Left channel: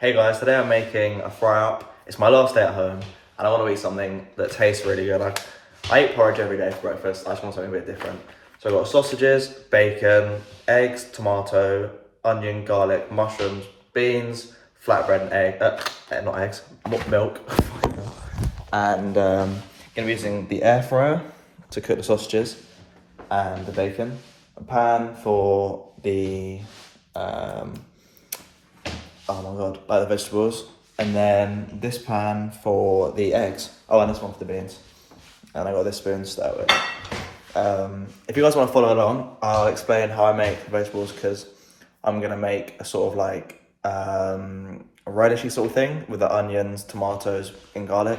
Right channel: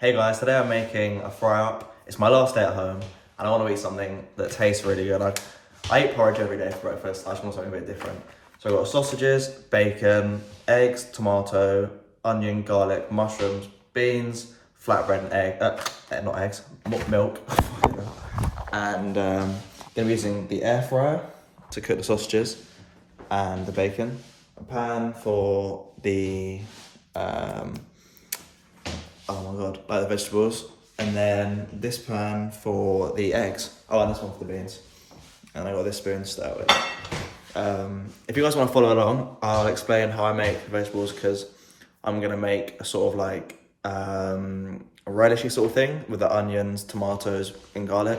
Hey guys, today I'm making a fry up. It's my last day at home and I want to eat something that tastes really good. I eat porridge every day for breakfast. I just want something a bit different. So I've got sausages, bacon, eggs, tomato, onion, garlic, mushrooms, beans, flatbread and not eggs, milk. And gonna be using the air fryer to cook the sausages and the bacon. A pan for the oh my god, like the vegetables. And then this pan for the eggs. Oh, and this one for the beans. And I got this spoon to start with. If you guys want to follow along, I'll explain how I make the vegetables because I'm going to make a sort of like a relishy sort of thing with the onions, tomatoes and garlic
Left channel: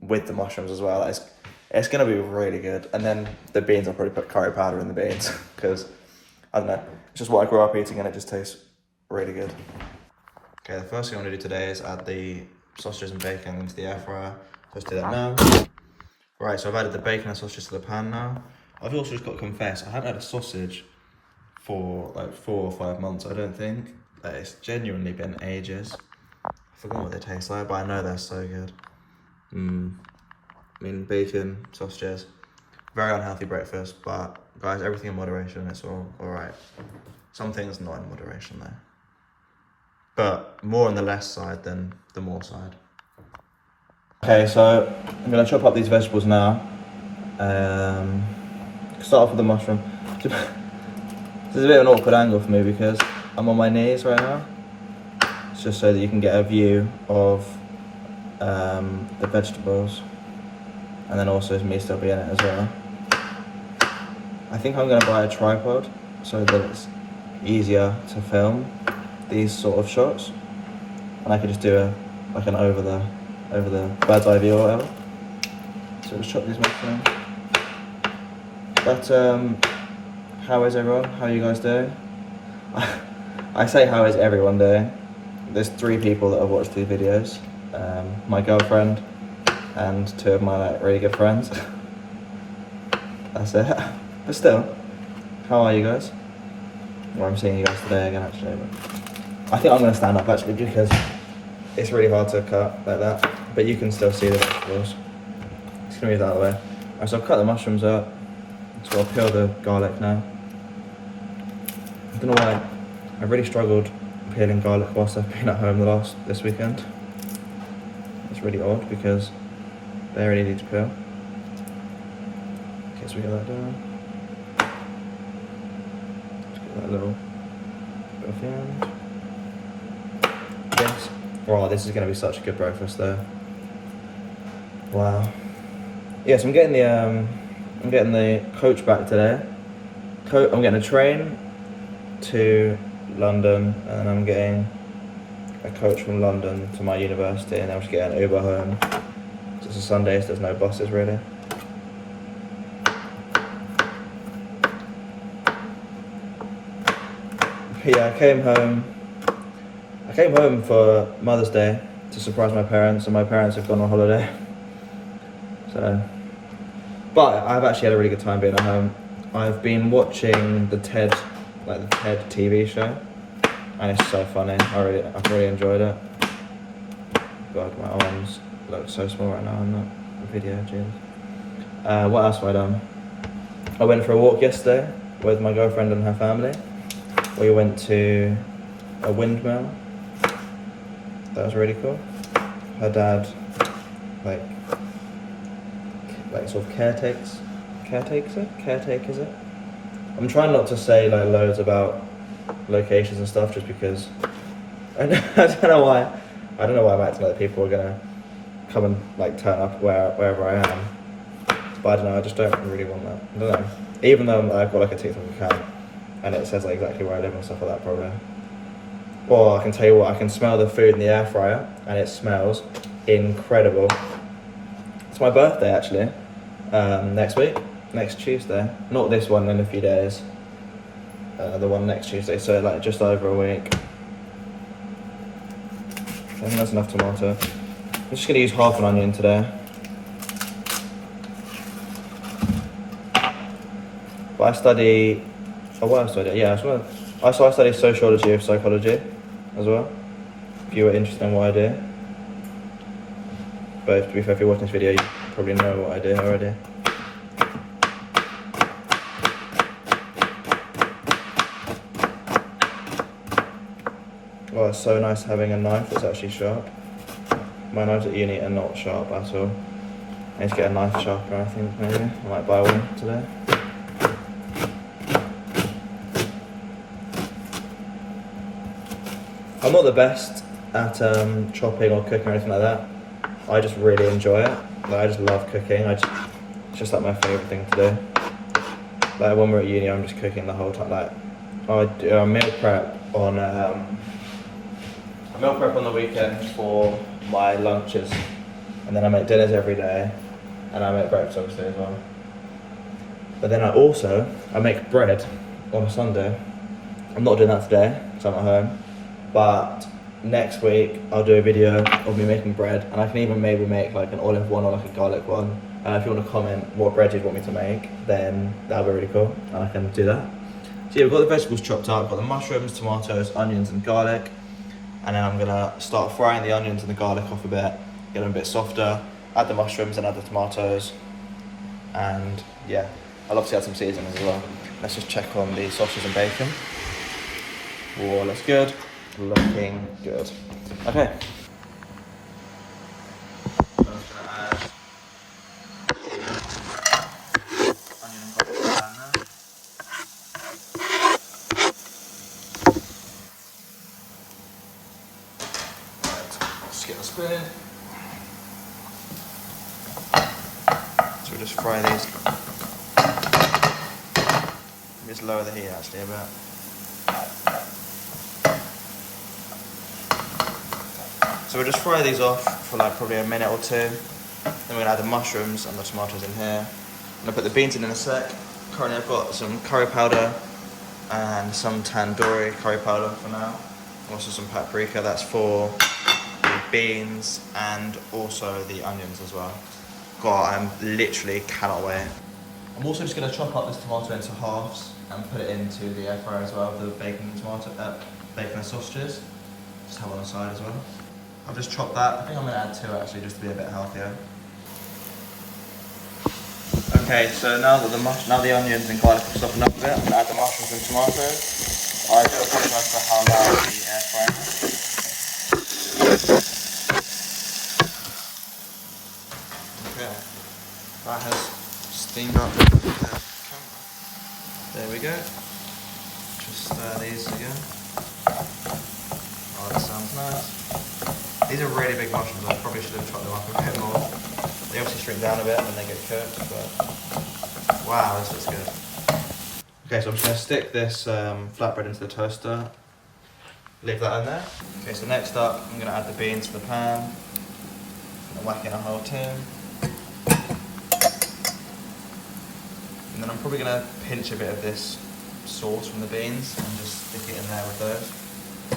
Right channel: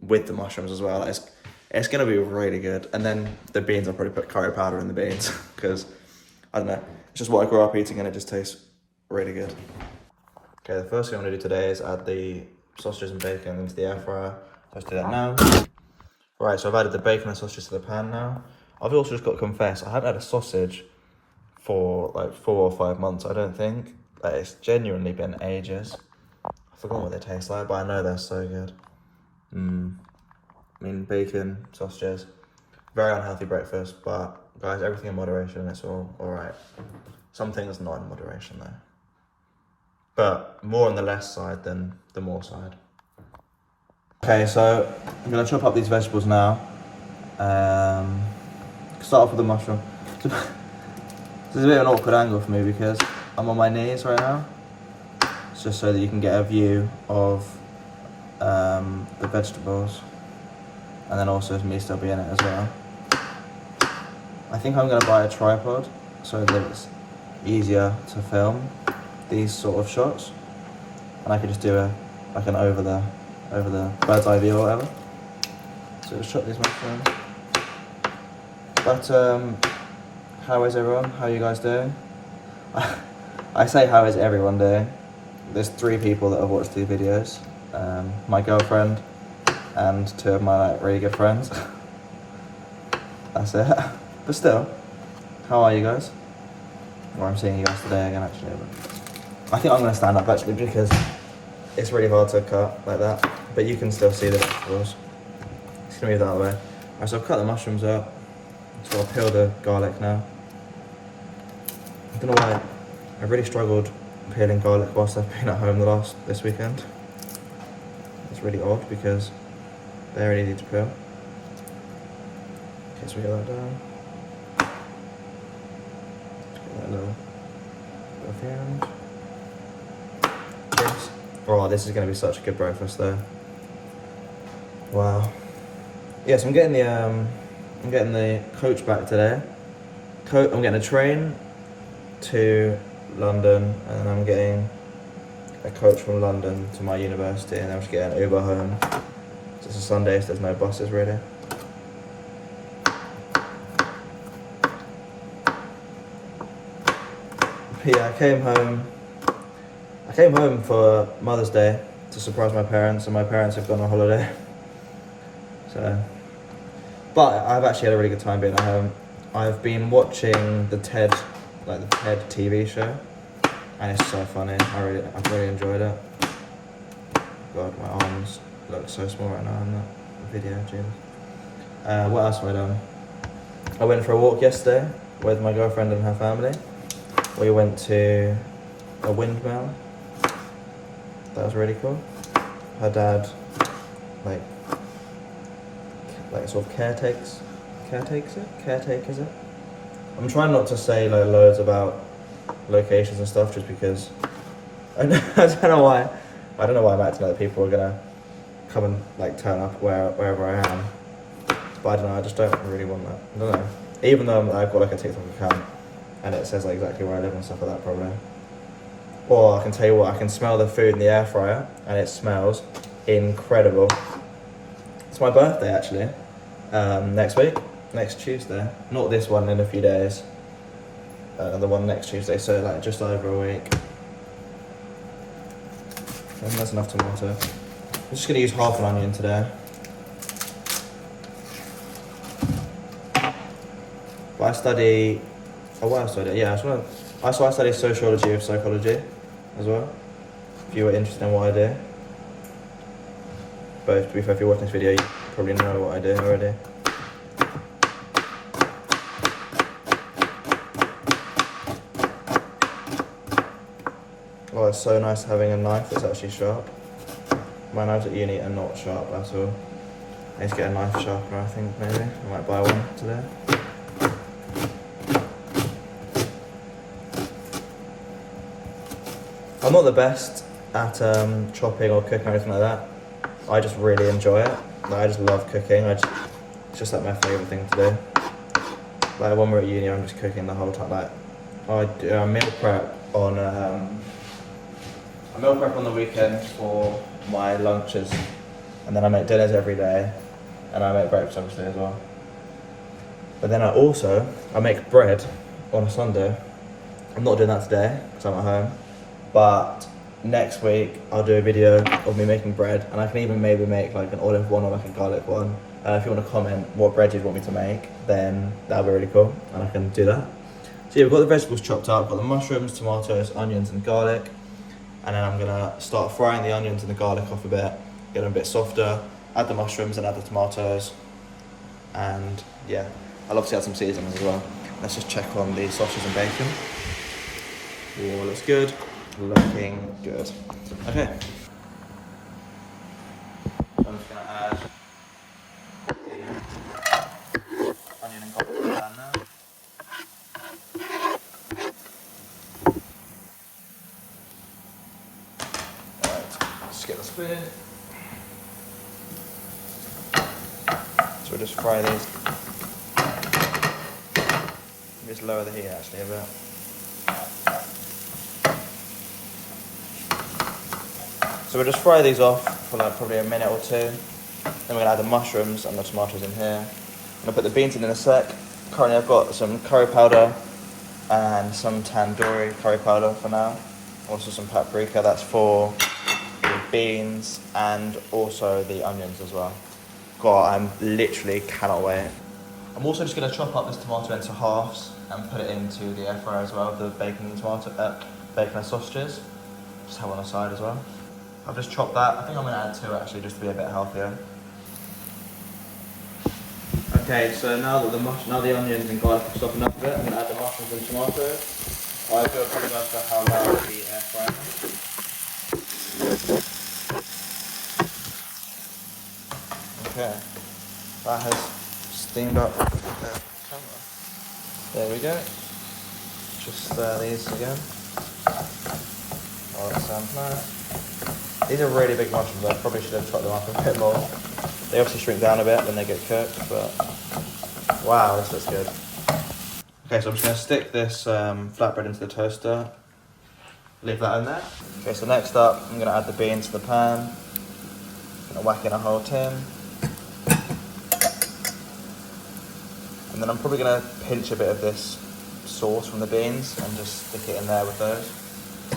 with the mushrooms as well. It's going to be really good. And then the beans, I'll probably put curry powder in the beans because, I don't know, it's just what I grew up eating and it just tastes really good. Okay, the first thing I'm gonna do today is add the sausages and bacon into the air fryer. Let's do that now. Right, so I've added the bacon and sausages to the pan now. I've also just got to confess, I haven't had a sausage for like 4 or 5 months, I don't think. Like, it's genuinely been ages. I forgot what they taste like, but I know they're so good. I mean, bacon, sausages, very unhealthy breakfast, but guys, everything in moderation, it's all right. Some things not in moderation though. But more on the less side than the more side. Okay, so I'm gonna chop up these vegetables now. Start off with the mushroom. This is a bit of an awkward angle for me because I'm on my knees right now. It's just so that you can get a view of the vegetables. And then also me still be in it as well. I think I'm gonna buy a tripod so that it's easier to film these sort of shots, and I could just do an over the bird's eye view or whatever. So just chop these mushrooms. But how is everyone? How are you guys doing? I say how is everyone doing. There's 3 people that have watched these videos. My girlfriend and 2 of my really good friends. That's it. But still, how are you guys? Well, I'm seeing you guys today again actually, but I think I'm going to stand up actually because it's really hard to cut like that, but you can still see the vegetables. Just going to move that out of the way. Alright, so I've cut the mushrooms out, so I'll peel the garlic now. I don't know why, I've really struggled peeling garlic whilst I've been at home this weekend. It's really odd because they're really easy to peel. Okay, so we get that down. Just get that little bit off the end. Oh, this is going to be such a good breakfast though. Wow. Yes, I'm getting the coach back today. I'm getting a train to London, and then I'm getting a coach from London to my university, and I'm just getting an Uber home. So it's a Sunday, so there's no buses really. But yeah, I came home for Mother's Day to surprise my parents, and my parents have gone on holiday. So, but I've actually had a really good time being at home. I've been watching the TED TV show, and it's so funny. I've really enjoyed it. God, my arms look so small right now in that video, Jesus. What else have I done? I went for a walk yesterday with my girlfriend and her family. We went to a windmill. That was really cool. Her dad, like sort of caretakes it. I'm trying not to say like loads about locations and stuff just because I don't know why I'm acting like people are gonna come and like turn up wherever I am. But I don't know, I just don't really want that. I don't know. Even though I've got like a TikTok account and it says like exactly where I live and stuff like that probably. Or I can tell you what, I can smell the food in the air fryer and it smells incredible. It's my birthday actually, next Tuesday. Not this one in a few days, the one next Tuesday, so like just over a week. I think that's enough tomato. I'm just going to use half an onion today. But I study, I study sociology of psychology as well. if you were interested in what I do. But to be fair, if you're watching this video, you probably know what I do already. Oh, it's so nice having a knife that's actually sharp. My knives at uni are not sharp at all. I need to get a knife sharpener, I think, maybe. I might buy one today. I'm not the best at chopping or cooking or anything like that. I just really enjoy it. Like, I just love cooking. It's just like my favourite thing to do. Like when we're at uni, I'm just cooking the whole time. Like I do a meal prep on the weekend for my lunches, and then I make dinners every day, and I make breakfast obviously as well. But then I make bread on a Sunday. I'm not doing that today because I'm at home, but next week I'll do a video of me making bread, and I can even maybe make like an olive one or like a garlic one. If you want to comment what bread you'd want me to make, then that'll be really cool, and I can do that. So yeah, we've got the vegetables chopped up, got the mushrooms, tomatoes, onions and garlic, and then I'm gonna start frying the onions and the garlic off a bit, get them a bit softer, add the mushrooms and add the tomatoes, and yeah, I'll obviously add some seasonings as well. Let's just check on the sausage and bacon. All looks good, looking good. Okay. So I'm just gonna add the onion and garlic to the pan now. Alright, just get the spoon. So we'll just fry these. Just lower the heat actually a bit. So we'll just fry these off for like probably a minute or two. Then we're gonna add the mushrooms and the tomatoes in here. I'm gonna put the beans in a sec. Currently I've got some curry powder and some tandoori curry powder for now. Also some paprika, that's for the beans and also the onions as well. God, I'm literally cannot wait. I'm also just gonna chop up this tomato into halves and put it into the air fryer as well, the bacon and sausages. Just have on the side as well. I've just chopped that. I think I'm gonna add 2 actually, just to be a bit healthier. Okay, so now the onions and garlic have softened up a bit, I'm gonna add the mushrooms and tomatoes. I do apologise for how loud the air fryer is. Okay, that has steamed up the camera. There we go. Just stir these again. Oh, that sounds nice. These are really big mushrooms, I probably should have chopped them up a bit more. They obviously shrink down a bit when they get cooked, but wow, this looks good. Okay, so I'm just going to stick this flatbread into the toaster, leave that in there. Okay, so next up, I'm going to add the beans to the pan. I'm going to whack in a whole tin. And then I'm probably going to pinch a bit of this sauce from the beans and just stick it in there with those.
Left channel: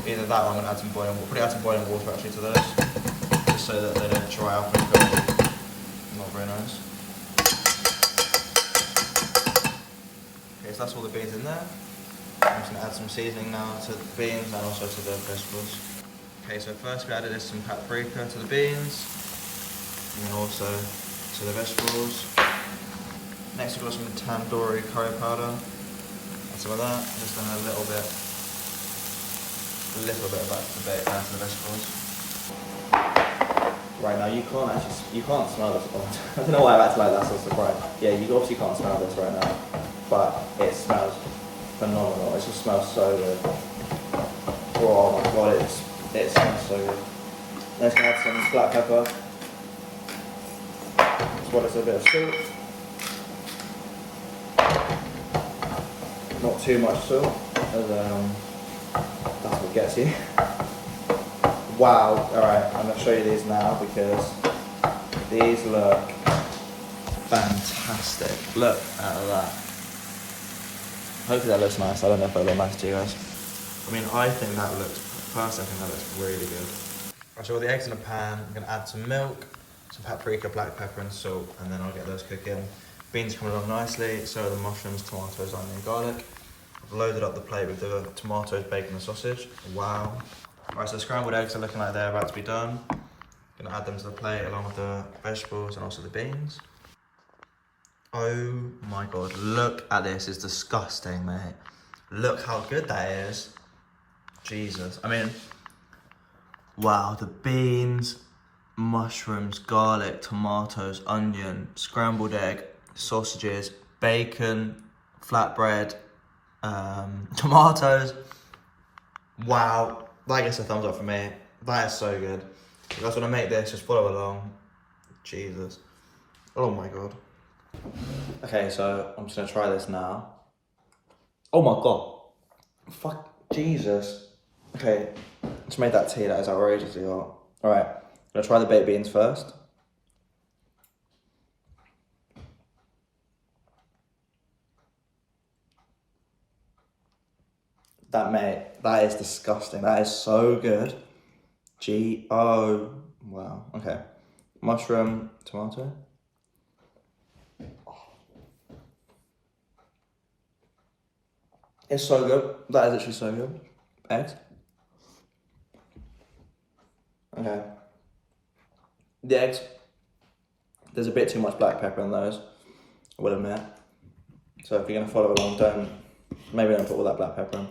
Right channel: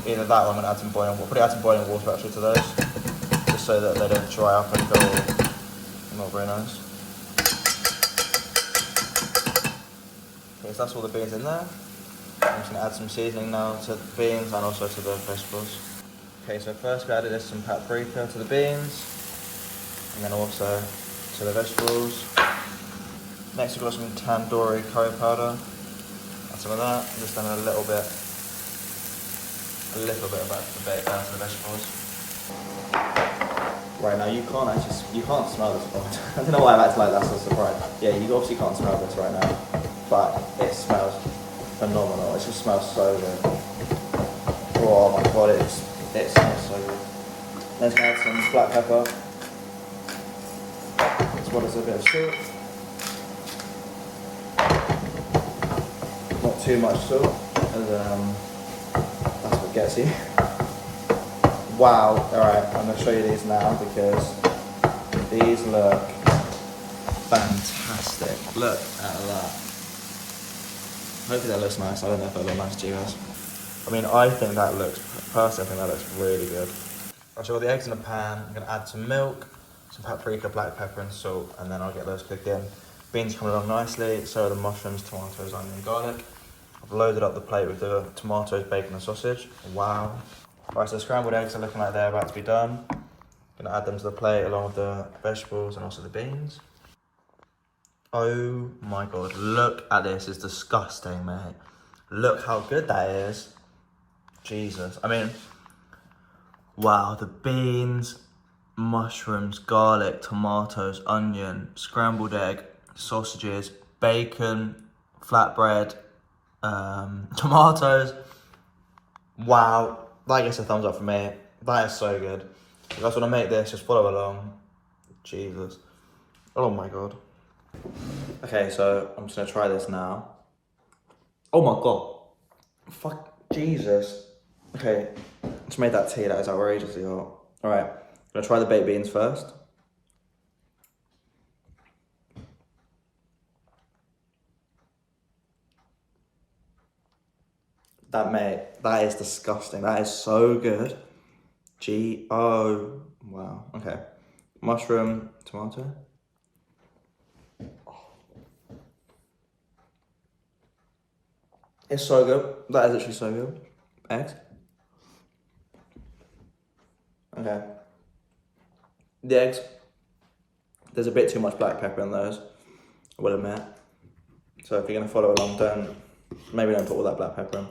Either that or I'm going to add some boiling water. We'll probably add some boiling water actually to those, just so that they don't dry up and go not very nice. Okay, so that's all the beans in there. I'm just going to add some seasoning now to the beans and also to the vegetables. Okay, so first we added some paprika to the beans, and then also to the vegetables. Next we've got some tandoori curry powder. Add some of that, just then a little bit of that to the vegetables. Right, now you can't smell this. I don't know why I'm acting like that's a surprise. Yeah, you obviously can't smell this right now, but it smells phenomenal. It just smells so good. Oh my god, it smells so good. Then let's add some black pepper, as well as a bit of salt. Not too much salt, as that's what gets you. Wow, alright, I'm going to show you these now because these look fantastic. Look at that. Hopefully that looks nice. I don't know if that looks nice to you guys. I mean, I think that looks, personally I think that looks really good. Right, so I've got the eggs in a pan. I'm going to add some milk, some paprika, black pepper and salt, and then I'll get those cooking. Beans coming along nicely, so are the mushrooms, tomatoes, onion, garlic. I've loaded up the plate with the tomatoes, bacon and sausage. Wow. Right, so scrambled eggs are looking like they're about to be done. Gonna add them to the plate along with the vegetables and also the beans. Oh my god, look at this, it's disgusting, mate. Look how good that is. Jesus, I mean, wow, the beans, mushrooms, garlic, tomatoes, onion, scrambled egg, sausages, bacon, flatbread, tomatoes. Wow, that gets a thumbs up for me. That is so good. If you guys want to make this, just follow along. Jesus. Oh my god. Okay, so I'm just going to try this now. Oh my god. Fuck, Jesus. Okay, just made that tea, that is outrageously hot. Alright, I'm going to try the baked beans first. That is disgusting. That is so good. Wow, okay. Mushroom, tomato. It's so good. That is actually so good. Eggs. Okay. The eggs, there's a bit too much black pepper in those, I will admit. So if you're gonna follow along, maybe don't put all that black pepper in.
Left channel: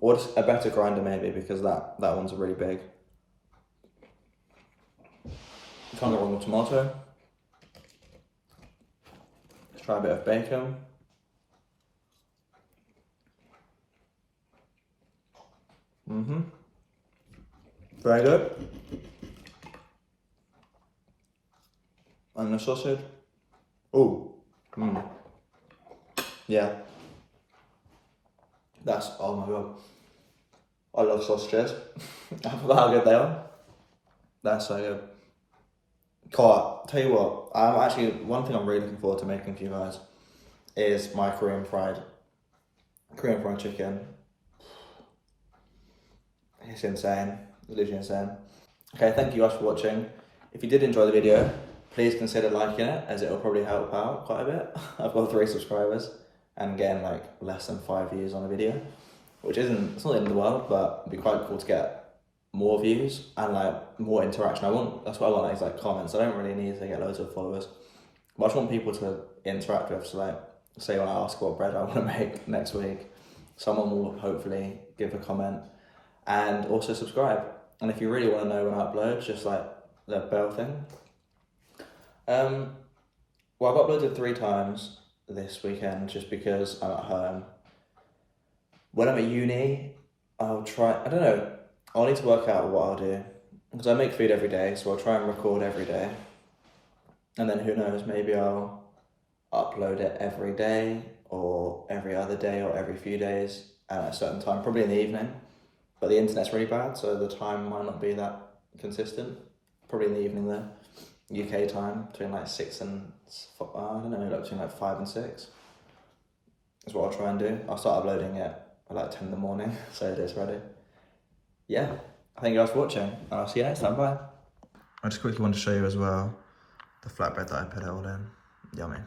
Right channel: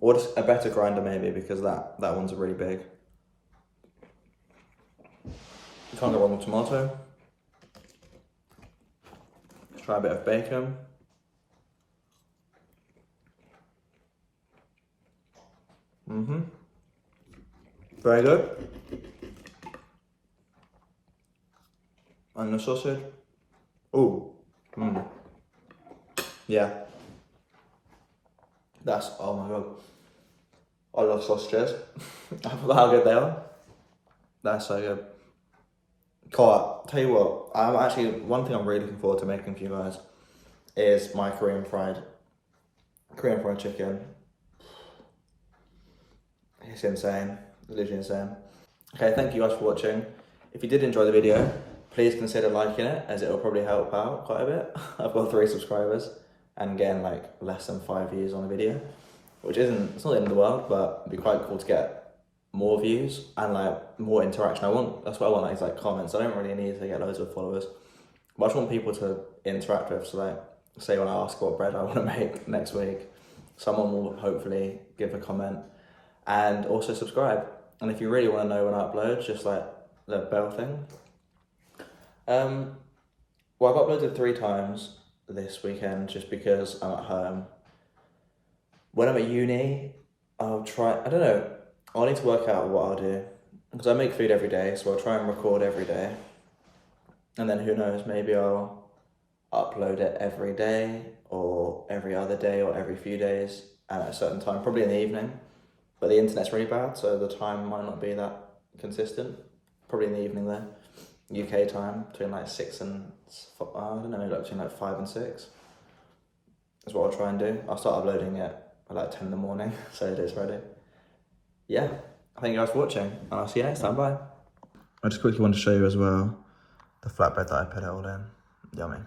Or just a better grinder maybe, because that one's really big. You can't go wrong with tomato. Let's try a bit of bacon. Very good. And the sausage. Ooh. Yeah. Oh my god. I love sausages. I forgot how good they are. That's so good. Cool, tell you what, one thing I'm really looking forward to making for you guys is my Korean fried chicken. It's insane, literally insane. Okay, thank you guys for watching. If you did enjoy the video, please consider liking it, as it will probably help out quite a bit. I've got 3 subscribers and getting like less than 5 views on a video, which it's not the end of the world, but it'd be quite cool to get more views and like more interaction. That's what I want, like comments. I don't really need to get loads of followers, but I just want people to interact with. So like, say when I ask what bread I want to make next week, someone will hopefully give a comment and also subscribe. And if you really want to know when I upload, just like the bell thing. Well, I've uploaded 3 times this weekend just because I'm at home. When I'm at uni, I'll try, I don't know, I'll need to work out what I'll do, because I make food every day, so I'll try and record every day. And then who knows, maybe I'll upload it every day, or every other day, or every few days at a certain time, probably in the evening. But the internet's really bad, so the time might not be that consistent. Probably in the evening though. UK time, between like 6 and, I don't know, like between like 5 and 6. That's what I'll try and do. I'll start uploading it at like 10 in the morning, so it is ready. Yeah, thank you guys for watching, and I'll see you next time, bye. I just quickly want to show you as well the flatbread that I put it all in. Yummy.